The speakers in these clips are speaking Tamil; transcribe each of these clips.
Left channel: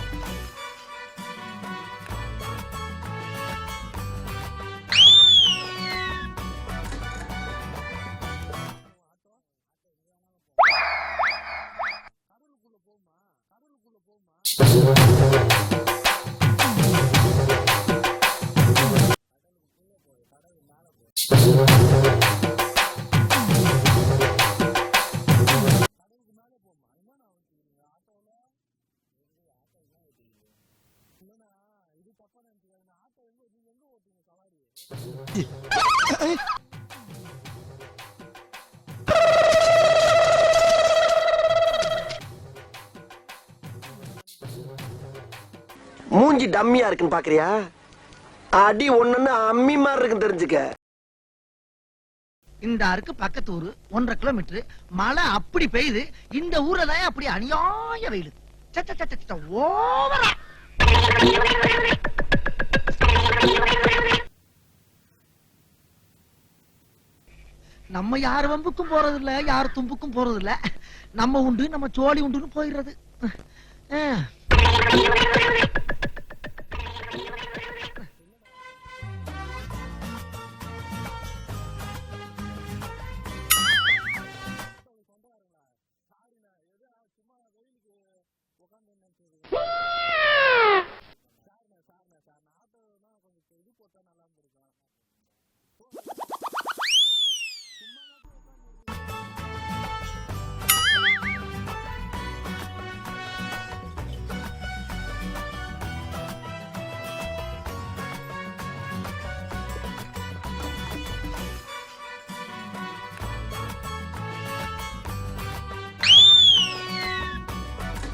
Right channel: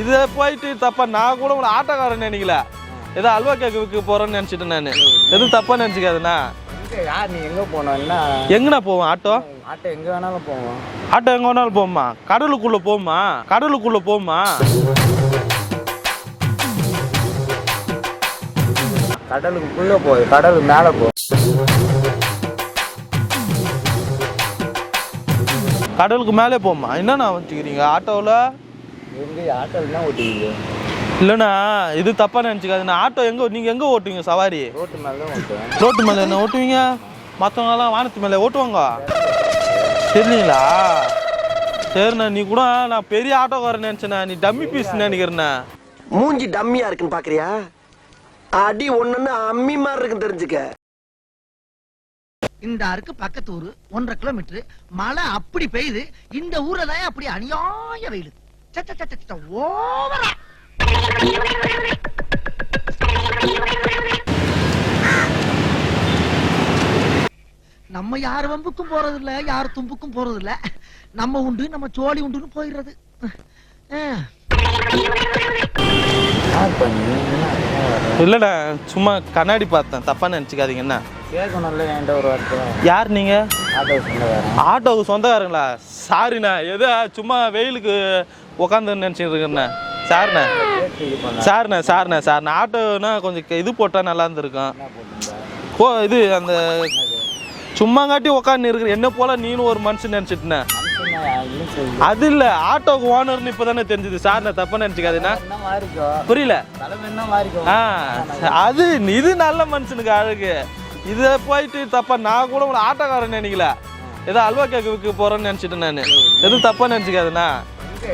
இதை போயிட்டு தப்பா நான் கூட ஒரு ஆட்டோக்காரன் நினைக்கல, ஏதோ அல்வா கேக்கு போறேன்னு நினைச்சிட்டேன் நான். எதுவும் தப்பா நினைச்சிக்காதுண்ணா. யார் நீ எங்க போனோம்னா எங்கண்ணா போவோம் ஆட்டோ? ஆட்டோ எங்க வேணாலும் போவோம். ஆட்டோ எங்க வேணாலும் போகுமா? கடலுக்குள்ள போகுமா? கடலுக்குள்ள போகுமா? கடலுக்குள்ள போகுது, கடலுக்கு மேல போ. கடலுக்கு மேலே போகுமா? என்னண்ணா வச்சுக்கிறீங்க ஆட்டோவில்? எங்க ஆட்டோவில் தான் ஓட்டிங்க? இல்லைண்ணா இது தப்பா நினச்சிக்காதுண்ணா. ஆட்டோ எங்கே நீங்கள் எங்கே ஓட்டுவீங்க சவாரி? ரோட்டு மேலே தான் ஓட்டுவேன். ரோட்டு மேலே என்ன ஓட்டுவீங்க? மற்றவங்கலாம் வானத்து மேலே ஓட்டுவாங்க சரிங்களா? சரிண்ணா, நீ கூட நான் பெரிய ஆட்டோக்காரன் நினச்சேண்ணா, நீ டம்மி பீஸ் நினைக்கிறேண்ணா. மூஞ்சி டம்மியா இருக்குன்னு பாக்குறியா? அடி ஒண்ணுன்னு அம்மி மாதிரி இருக்குன்னு தெரிஞ்சுக்க. இந்த அருக்கு பக்கத்து ஊரு 1.5 கிலோமீட்டர் மழை அப்படி பெய்யுது. இந்த ஊர்ல தான் அப்படி அநியாய வெயில். ஓவரா நம்ம யார் வம்புக்கும் போறது இல்ல, யார் தும்புக்கும் போறது இல்ல. நம்ம உண்டு நம்ம சோழி உண்டுன்னு போயிடுறது. இல்லைண்ணா சும்மா கண்ணாடி பார்த்தேன், தப்பா நினச்சிக்காதீங்கண்ணா. கேட்கணும்ல என்கிட்ட ஒரு வார்த்தை. யார் நீங்கள்? ஆட்டோ சொந்தக்காரன். ஆட்டோவுக்கு சொந்தக்காரங்களா? சாரிண்ணா, எதோ சும்மா வெயிலுக்கு உக்காந்து நினச்சிட்டு இருக்கேண்ணா. சார்ண்ணா சார்ண்ணா சார்ண்ணா சார்ண்ணா ஆட்டோனா கொஞ்சம் இது போட்டால் நல்லா இருந்திருக்கும். இது அந்த சும்மாங்காட்டி உக்காந்து இருக்கிற என்ன போல நீனும் ஒரு மனுஷன் நினச்சிட்டுண்ணே. அது இல்லை, ஆட்டோக்கு ஓனர்னு இப்போ தானே தெரிஞ்சுது. சார்ண்ணா தப்பா நினச்சிக்காதுண்ணா. புரியல? அது இது நல்ல மனுஷனுக்கு அழகு. இதை போயிட்டு தப்பா நான் கூட ஒரு ஆட்டோக்காரன் நினைக்கல, ஏதோ அல்வா கேக்கு போறேன்னு நினைச்சிட்டேன் நான். எதுவும் தப்பா நினைச்சிக்காதுண்ணா.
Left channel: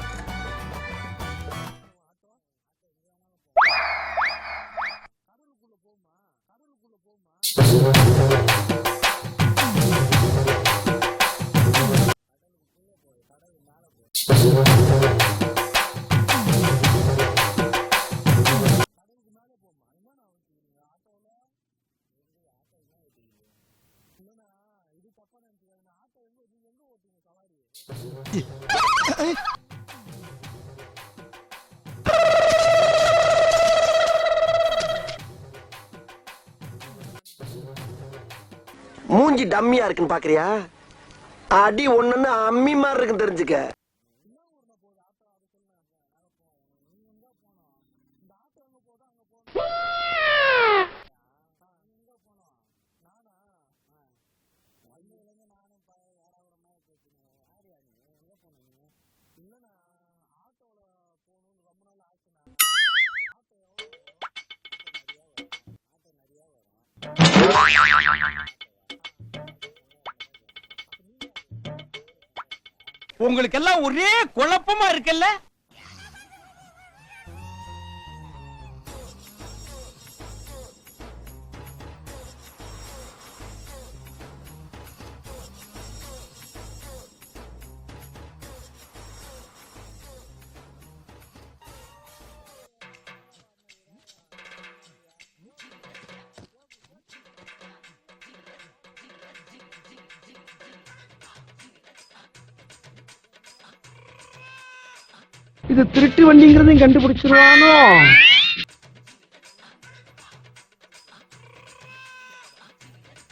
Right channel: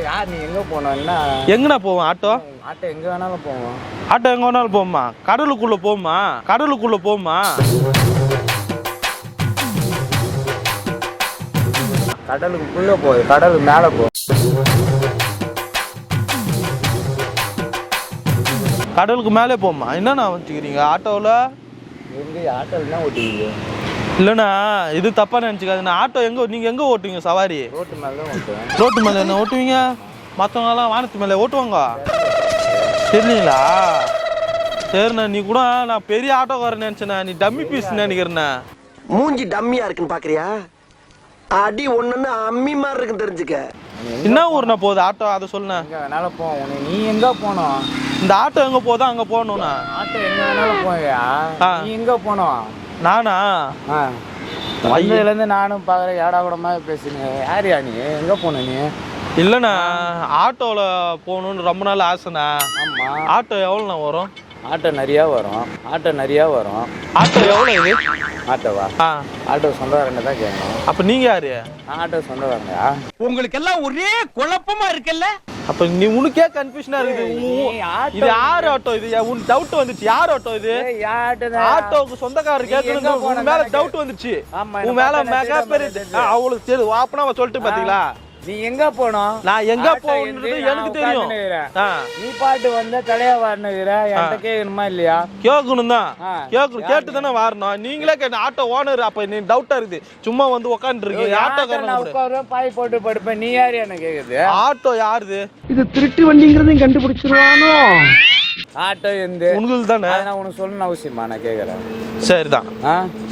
யார் நீ எங்க போனோம்னா எங்கண்ணா போவோம் ஆட்டோ? ஆட்டோ எங்க வேணாலும் போவோம். ஆட்டோ எங்க வேணாலும் போகுமா? கடலுக்குள்ள போகுமா? கடலுக்குள்ள போகுமா? கடலுக்குள்ள போகுது, கடலுக்கு மேல போ. கடலுக்கு மேலே போகுமா? என்னண்ணா வச்சுக்கிறீங்க ஆட்டோவில்? எங்க ஆட்டோவில் தான் ஓட்டுவீங்க? இல்லைண்ணா இது தப்பா நினச்சிக்காதுண்ணா. ஆட்டோ எங்கே நீங்கள் எங்கே ஓட்டுவீங்க சவாரி? ரோட்டு மேலே தான் ஓட்டுவேன். ரோட்டு மேலே என்ன ஓட்டுவீங்க? மற்றவங்கலாம் வானத்து மேலே ஓட்டுவாங்க சரிங்களா? சரிண்ணா, நீ கூட நான் பெரிய ஆட்டோக்காரன் நினச்சேண்ணா, நீ டம்மி பீஸ் நினைக்கிறேண்ணா. மூஞ்சி டம்மியா இருக்குன்னு பாக்குறியா? அடி ஒண்ணுன்னு அம்மி மாதிரி இருக்குன்னு தெரிஞ்சுக்க. என்ன ஊர்னா போகுது ஆட்டோ? அதை சொல்லுண்ணா. எங்க வேணாலும் போவோம். நீ எங்க போனோம்? இந்த ஆட்டோ எங்கே போதோ அங்கே போகணுண்ணா. ஆட்டோ எங்க வேணாலும் போவியா? நீ எங்க போனோம்? நானா? வந்ததுலேருந்து நானும் பார்க்குறேன், ஏடா கூட மாதிரி பேசுங்க. யாரியா நீ? எங்க போன நீ? இல்லைண்ணா ஆட்டோவில் போகணுன்னு ரொம்ப நாள் ஆசைண்ணா. ஆமாம். ஆட்டோ எவ்வளோண்ணா வரும்? ஆட்டோ நிறையா வரும். ஆட்டோ நிறையா வரும். ஆட்டோ எவ்வளோ? ஆட்டோவா? ஆட்டோ சொந்தக்காரங்க தான் கேட்கணும். அப்போ நீங்கள் யாரு? ஆட்டோ சொந்தக்காரங்க. உங்களுக்கு எல்லாம் ஒரே குழப்பமா இருக்குல்ல? அப்போ நீ உனக்கே கன்ஃபியூஷனா இருக்குது. இது யார் ஆட்டோ? இது உனக்கு டவுட் வந்துச்சு. யார் ஆட்டோ இது? ஆட்டோவுக்கு சொந்தக்காரர் கேட்கணும். உன் மேல டவுட் வந்துச்சு. உன் மேல மெகா பெரிய அவங்களுக்கு தெரியும். அப்பனா சொல்லிட்டு பாத்தீங்களா? நீ எங்க போனோம்? நான் எங்க போகணுன்றது எனக்கு தெரியும். நீ பாட்டு வந்த தலையா வரணுகிற என்கிட்ட கேட்கணுமா இல்லையா? கேட்கணும் தான். கேட்கணும், கேட்டு தானே வரணும். நீங்களே கேட்ட ஆட்டோ ஓனர். அப்ப நீ டவுட்டா இருக்குது. சும்மா வந்து உட்காந்து இருக்கீங்க. ஆட்டோக்காரன் பாய் போட்டு படுப்பேன். நீ யாரு என்ன கேக்குது? ஆட்டோ யாருது? இது திருட்டு வண்டிங்கிறதையும் கண்டுபிடிச்சிருவானோ? ஆட்டோ எந்த உங்களுக்கு தானே? நான் உனக்கு சொல்லணும் அவசியமா? நான் கேக்குறேன். சரிதான்.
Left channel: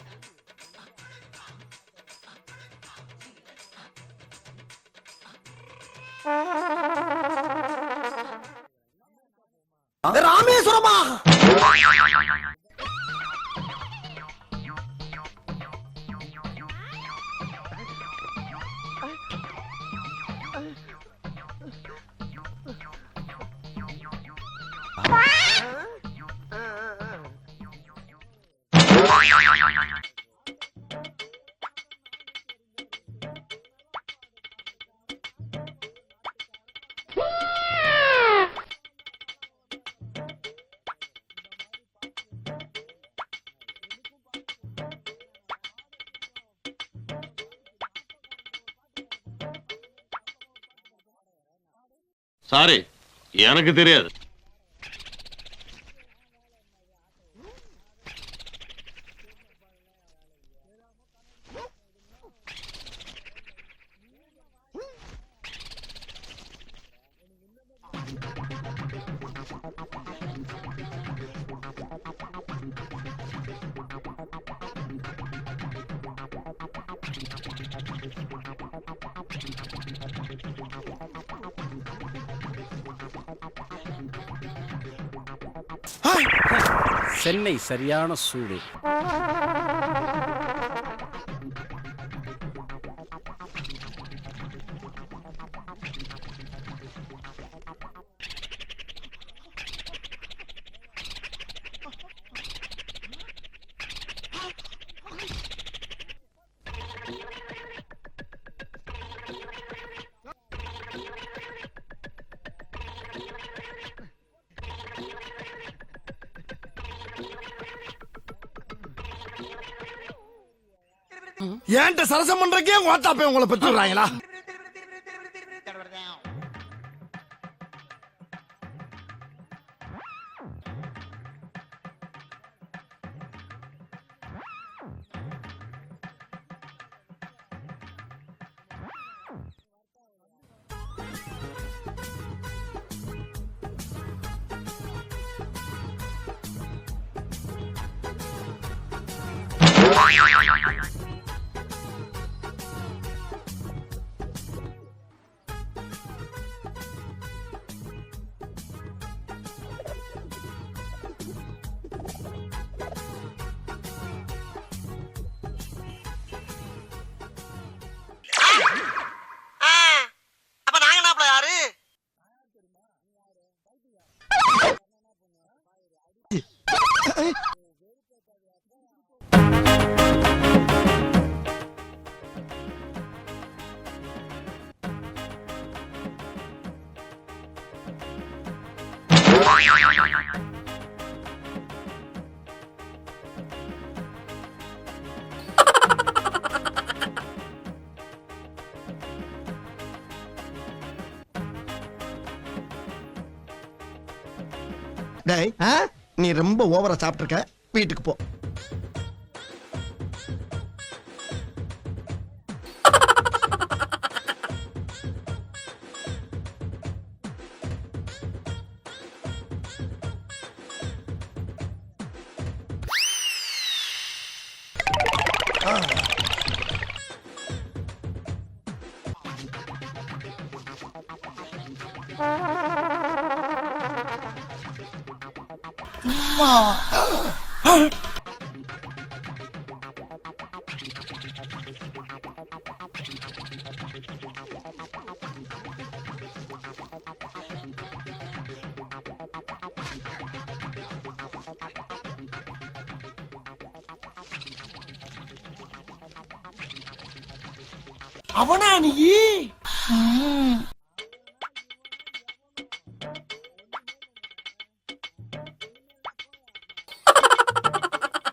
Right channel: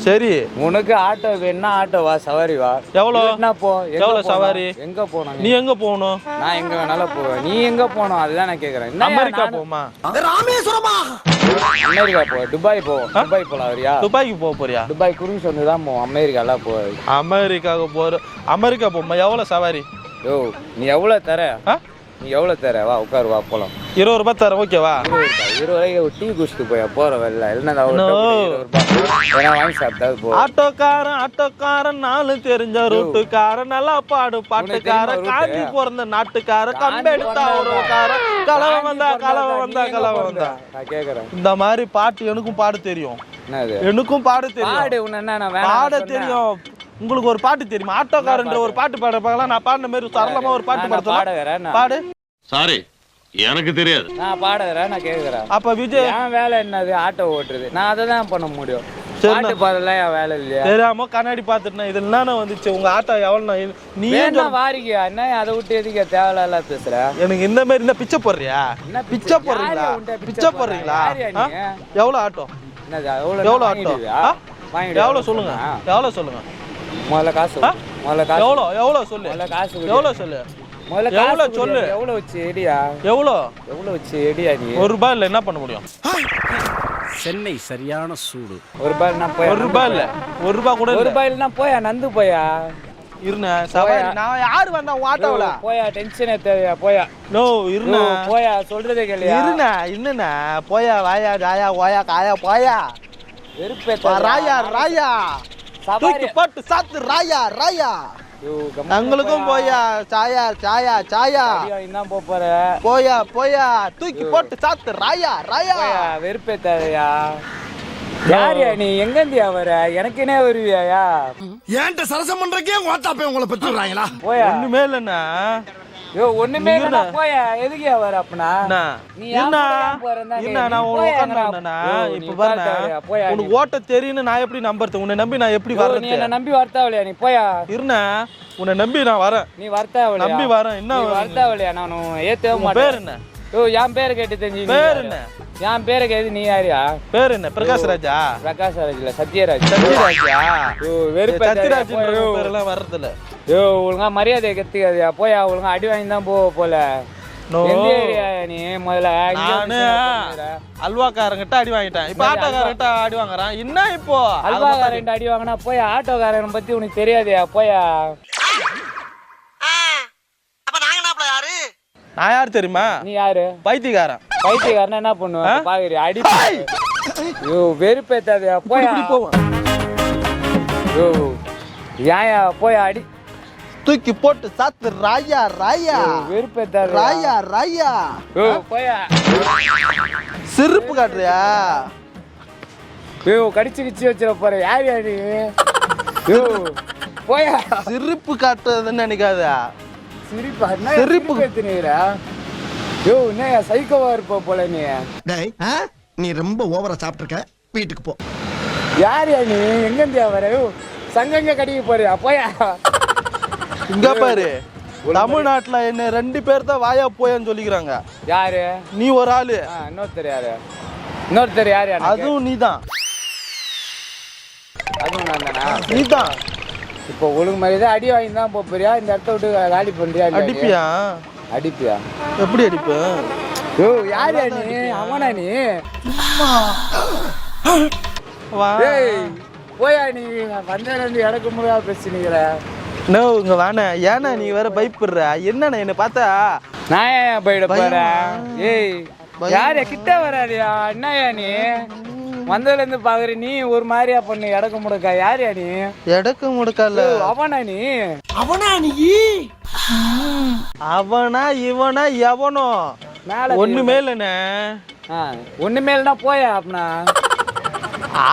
சரி, உனக்கு ஆட்டோ வேணா ஆட்டோ வா, சவாரி வா. எவ்வளவு? என்ன போ? எவ்வளவு சவாரி? எங்க போனோம்? நீ எங்க போகணும்? நான் எங்க வேணாலும் போவேன். நீ எங்க போனோம்? அதுதான் நான் கேக்குறேன். அமெரிக்கா போமா? ராமேஸ்வரமா? அமெரிக்கா போ. துபாய் போ. துபாய் போலாம் வரியா? துபாய்க்கு போக போறியா? துபாய் குரூஸ் வந்து தான் போவோம். அமெரிக்காலாம் போய். அமெரிக்காவுக்கு போற? அமெரிக்கா போமா? எவ்வளவு சவாரி? ஓ, நீ எவ்வளவு தர? நீ எவ்வளவு தர? வா உட்காரு, வா போலாம். 20 ரூபாய் தரேன், ஓகேவா? 20 ரூபாய்க்கு டீ குடிச்சிட்டு போய் போற வரல. இல்லைன்னா வாங்கி சாப்பிட்டா போ. ஆட்டோக்காரன் நாலு தெரிஞ்ச ரூட்டுக்காரன், நல்லா பாடு பாட்டுக்காரன், காந்தி பிறந்த நாட்டுக்காரன், கம்பெடுத்தா கலவை வந்தா. நான் கேக்குறேன். இந்த மாதிரி பாட்டு எனக்கும் பாட தெரியும். என்னது? எனக்கும் பாட தெரியும். பாட தெரியும். உங்களுக்கு ஒரு பாட்டு தெரியுமா? ஆட்டோக்காரன்ற ஒரு பாட்டு பாட பார்க்கலாம். நான் பாடின மாதிரி சரளமா ஒரு பாட்டு பாடுறேன். பாடு. சாரி, எனக்கு தெரியாது. நான் பாடுறேன். நான் கேக்குறேன். அப்ப விஜய் என் வேலை என்னது? ஆட்டோ ஓட்டுறது. நான் அதை தான் பண்ண முடியும். பாட்டு பாடலாம் என் வேலை இல்லையா? தெரியாம கண்ணாடி பாத்துட்டேன். இது என்னன்னு வந்துச்சு உங்க ஆட்டோ எவ்வளவு? நீ என்ன வாரிக்க என்ன அதை விட்டு எதுக்கு தேவையில்ல பேசுற? எனக்கு இந்த மாதிரி இந்த பிச்சை போடுறியா? பிச்சை போடுறீங்களா? பிச்சை போடுறீங்களா? எவ்வளவு ஆட்டோ? எவ்வளவு ஆட்டோ? எவ்வளவு சொல்லுங்க, எவ்வளவு சொல்லுங்க. முதல்ல காசு எவ்வளவு சொல்லு, எவ்வளவு சொல்லு, எவ்வளவு சொல்லு. எவ்வளவு வச்சு எடியா? எவ்வளவு வச்சு எடியா? நீ ₹1 இல்ல என்ன பண்ண முடியும்? சென்னை சரியான சூடு. ₹1 இல்ல, ₹1 கூட இல்ல. ₹1 இல்லனா போயா நந்து போயா. இருண்ணே சவாரி நான் யாரு வந்தா உன் ஆட்டோல? போயா டென்ஷனே தேவையா போயா. நோ இருண்ணே போயா சொல்றதே கேளியா. இருண்ணே இன்னண்ணே போயா வாயா ஜாயா ஓயா காயா போயா. வெறுப்பே ராயா ராயா தூக்கி போட்டு சாத்து ராயா ராயா. எங்களுக்கும் போயா சாயா சாயா சாயா. என்ன போற போயா போயா தூக்கி போட்டு சாத்து ராயா ராயா. வெறுப்பே தேவையா. யாரியா நீ? எங்க இருந்தியா வர? எனக்குனே வருவியா? ஏன்ட்ட சரசம் பண்றக்கே ஓட்டாப்பே உங்களை பெற்றுறாங்களா? போயா ஒண்ணுமே இல்லண்ணா. ஒண்ணுமே இல்ல போயா. எதுக்கியா வர அப்பனா? நீ என்ன நான் உட்கார்ந்தேன்னா இப்ப பாருங்க உனக்கு ஓட்ட தெரியும்னு நான் எப்படி நம்புறது? உன்னை நம்பி நான் எப்படி வரது? நீ என்ன நம்பி வரத்தாவலையா? நீ போயா. இருண்ணா உன்னை நம்பி நான் வரேன். நீ வரத்தாவலையா? நம்பி வரேன். என்ன வரத்தாவலையா? நான் ஏத்தவே மாட்டேன். பேர் என்ன? என் பேரை கேட்டு தெரிஞ்சு. பேர் என்ன? என் பேரை கேட்டு நீ யாரியா? பேர் என்ன? பிரகாஷ் ராஜா. பிரகாஷ் ராஜ் இல்ல சத்யராஜ். வெறுப்பே சத்யராஜ் பேரெல்லாம் வர்றதில்ல. ஒழுங்கா மரியாதையை கத்துக்காதியா. போயா ஒழுங்கா அடி வாங்கி தான் போல. எந்த ஏரியா நீ? முதல்ல நானு அல்வாக்காரங்கிட்ட அடி வாங்கிட்டேன். இப்ப ஆட்டோக்காரங்கிட்ட அடி வாங்குறான். என்ன இப்போ அல்வாக்காரன் அடி வாங்கினா போயா. ஆட்டோக்காரன் பத்தி உனக்கு தெரியாதியா? போயா. அப்ப நாங்க என்ன யாரு? நான் யாரு தெரியுமா? நீ யாரு? பைத்தியக்காரன். பைத்தியக்காரன் என்ன பண்ணுவேன் பாக்குறியா? அடி வெறுப்பேத்தாதியா. போயா ஏயா போயா. அடி தூக்கி போட்டு சாத்து ராயா ராயா. வெறுப்பேத்தாதியா. ராயா ராயா போயா. சிரிப்பு காட்டுறியா? கடிச்சு கிச்சு வச்சிட போற. யாரியா நீ? போயா. சிரிப்பு காட்டுறதுன்னு நினைக்காத. சிரிப்பு கத்துனீரா? என்ன சைக்கோவா இருப்ப போல நீ. டேய் நீ ரொம்ப ஓவரா சாப்பிட்டுருக்க. வீட்டுக்கு போ. யாரியா நீ? எங்க இருந்தியா வர? சங்கங்க கடிக்க போறியா? போயா. இங்க பாரு தமிழ்நாட்டுல என்ன 2 பேர் தான் வாயா போயான்னு சொல்லிக்கிறாங்க. யாரு? நீ ஒரு ஆளு. இன்னொருத்தர் யாரு? இன்னொருத்தர் யாரு? அதுவும் நீதான். நீதான். இப்போ ஒழுங்கு மாதிரி அடி வாங்கி தான் போறியா? இந்த இடத்த விட்டு காலி பண்றியா? அடிப்பியா? அடிப்பியா? எப்படி அடிப்ப? யாரியா நீ? அவனா நீ? போயா நீ. வந்தேன் எனக்கு முறையா பேசுனீங்கிற. நோ இங்க வாண்ணே. ஏன்னா நீ வேற பயப்படுற. என்னண்ணே என்ன பார்த்தா நான் ஏன் போயிட போறேன்? ஏய் யாரு கிட்ட வராதியா? என்னயா நீ? வந்ததுல இருந்து பாக்குற நீ ஒரு மாதிரியா பண்ணு. எடக்கு முடுக்கா. யாரியா நீ? எடக்கு முடுக்கல. அவனா நீ? அவனா நீ? அவனா இவனா எவனோ ஒண்ணுமே இல்லண்ணே. ஒண்ணுமே இல்லைன்னா போயா. அப்பனா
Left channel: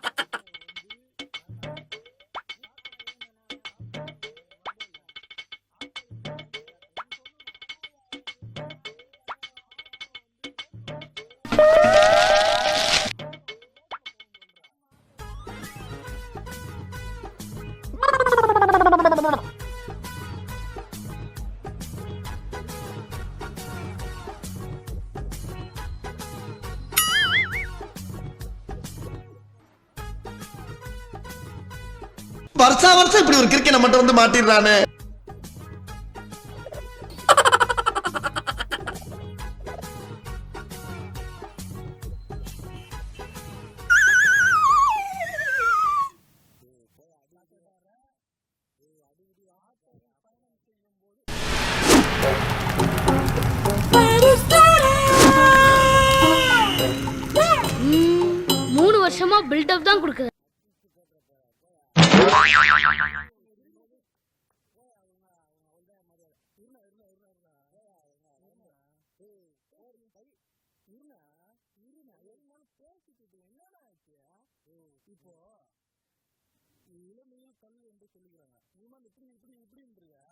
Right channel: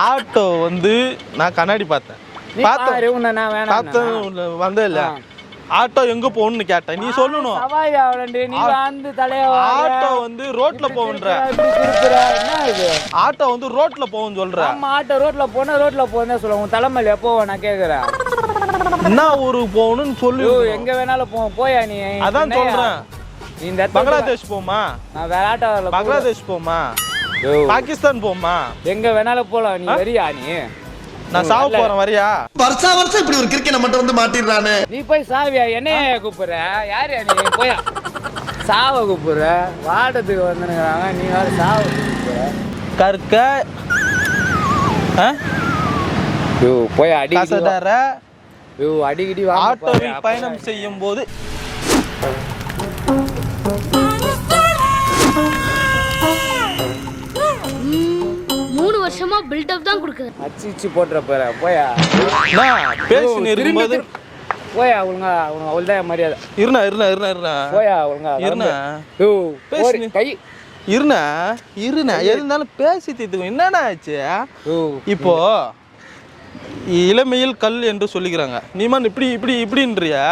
ஆட்டோ வந்து நான் கண்ணாடி பார்த்தேன். வந்தே இல்ல. ஆட்டோ எங்க போகணும்னு கேட்டேன். நீ சொல்லணும். ஆட்டோ வந்து ரோட்ல போகுன்ற. ஆட்டோ வந்து ரோட்ல போகும் சொல்ற. ஆட்டோ ரோட்ல போனா ரோட்ல போன்னு சொல்லுவோம். தலைமையில எப்போ நான் கேக்குறேன். என்ன ஊருக்கு போகணும்னு சொல்லு. எங்க வேணாலும் போவோம். போயா நீ. அதான் சொல்றேன். இந்த பங்களாதேஷ் போமா? வேற ஆட்டோ. பங்களாதேஷ் போமா? பாகிஸ்தான் போமா? எங்க வேணாலும் போலாம். நீ வரியா? நீ நான் சாவ போறேன். வரியா? வருஷம் இப்படி ஒரு கிரிக்கெட் மட்டும் வந்து மாட்டிடுறானே. நீ போய் சாவியா? என்னைய கூப்பிடுற? யாரு நீ? போயா. சாவ கூப்பிடுற. வாடத்துக்கு வந்துருக்காங்க. நீ வேற சாவ கூப்பிடுற. கற்க போய் அடி கசடற. அடிக்கடி ஆட்டோவில் பயணம் செய்யும் போது வருஷமா பில்டப் தான் கொடுக்குது. அச்சிச்சி போட்ற போற. போயா. பேசி இருக்கும்போது போயா. ஒழுங்கா அவள்தான் மரியாதை. இருண்ணா போயா ஒழுங்கா. இருண்ணா கை இருண்ணா எது இருந்தாலும் பேசி தீர்த்துக்கும். என்னண்ணா ஆச்சு இப்போ? இளமையில் கல் என்று சொல்லிக்கிறாங்க. நீமான் இப்படி இப்படி இப்படின்றியா?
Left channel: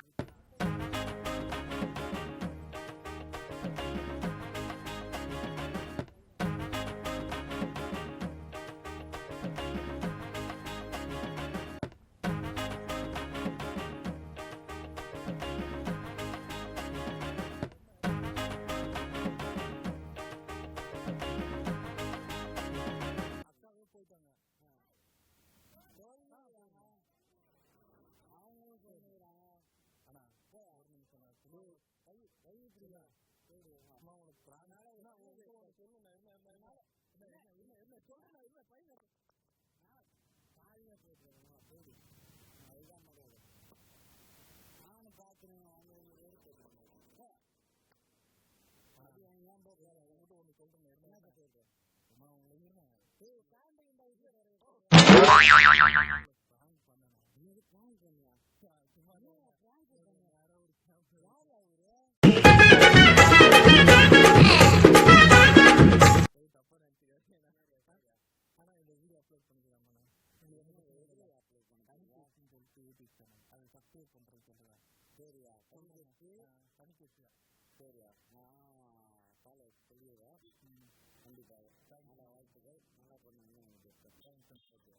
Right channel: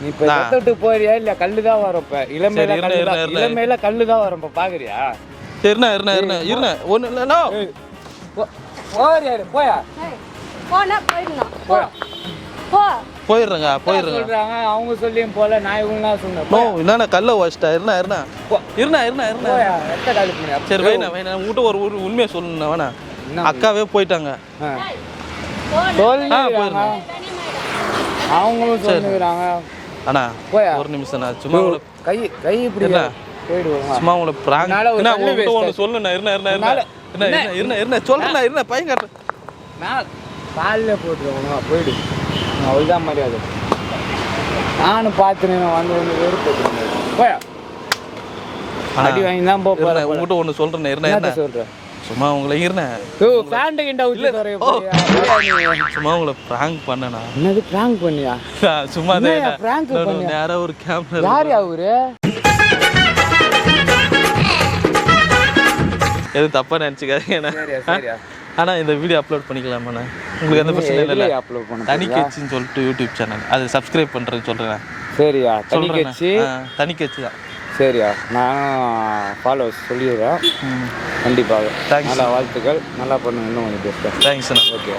நீ இப்ப விட்டு போறியா? இல்ல கல்லுதான் வரப்ப. இளமையில கல்லுதான் வரப்ப பாக்குறியா? இருண்ணா ஒண்ணு இல்ல ஓரியாரு போயா போனா போயிடணும் போ போயா போ போயிடுறேங்க சொல்றாங்க அவங்க சொல்லியும் போல நான் இவங்க சொன்னேன் நோ என்னண்ணா கல்ல வச்சிட்டா இருண்ணா இருண்ணா போயா எத்த காலி பண்ணி சரி வைண்ணா உங்ககிட்ட ஒரு உண்மையை சொல்லணும் வேணா அக்காவே போயிட்டாங்க சொல்லுங்க போயிடுறேன் அவங்களும் சொல்லுறாங்க அண்ணா போயா. ஒரு நிமிஷம் நான் சும்மா உங்களை கை இப்படி என்ன? போயிடுவாங்க சும்மா உங்களை பிராங்க் என்னால ஒரு என்ன தள்ளி உங்ககிட்ட ஒன்று waste சொல்லுண்ணா இருண்ணா என்னால- சொல்றேண்ணா பையன் காட்டுறேன் நான் காலில் போட்டுருவோம் போயிடு அவ்வளோதான் மரியாதை நானும் பார்த்துனேன் வந்து வெறுப்பு போயா அடி வாங்கி தான் போகிறேன் உங்ககிட்ட ஒன்று சொல்றேண்ணா என்ன சொல்கிறேன் சும்மா உங்களை இருண்ணேன் ஓ பேண்ட் கிண்ட ஊற்றி சும்மா உங்களை பிராங்க் பண்ணனா என்னது ப்ராங்க் பண்ணியா சும்மா என்னய்யா prank பண்ணியா? நேரா ஒரு கேமரா யார் அவரு எதுவும் தப்பா நினைச்சுக்காதீங்க சரியா சரியா ஆனா இந்த வீடியோ அப்லோட் பண்ணிக்கலாமாண்ணா உங்களுக்கு எந்த பிரச்சனை இல்லை அப்லோட் பண்ண தனிக்கட்சின்னு சொல்லிட்டு யூடியூப் சேனல் அது சப்ஸ்கிரைப் பண்றேன்னு சொல்றேன் சரியா தனி சொல்றேண்ணா. கட்சி தனிக்கட்சி தான் சரியா நானும் ஃபாலோவர்ஸ் சொல்லிடுறேன் கண்டிப்பாக Thanks. நல்லா வாழ்த்துக்கள் நல்லா பண்ணுங்க இன்னும் கொஞ்சம் பெஸ்ட்டாக தேங்க்ஸ்ண்ணா ஓகே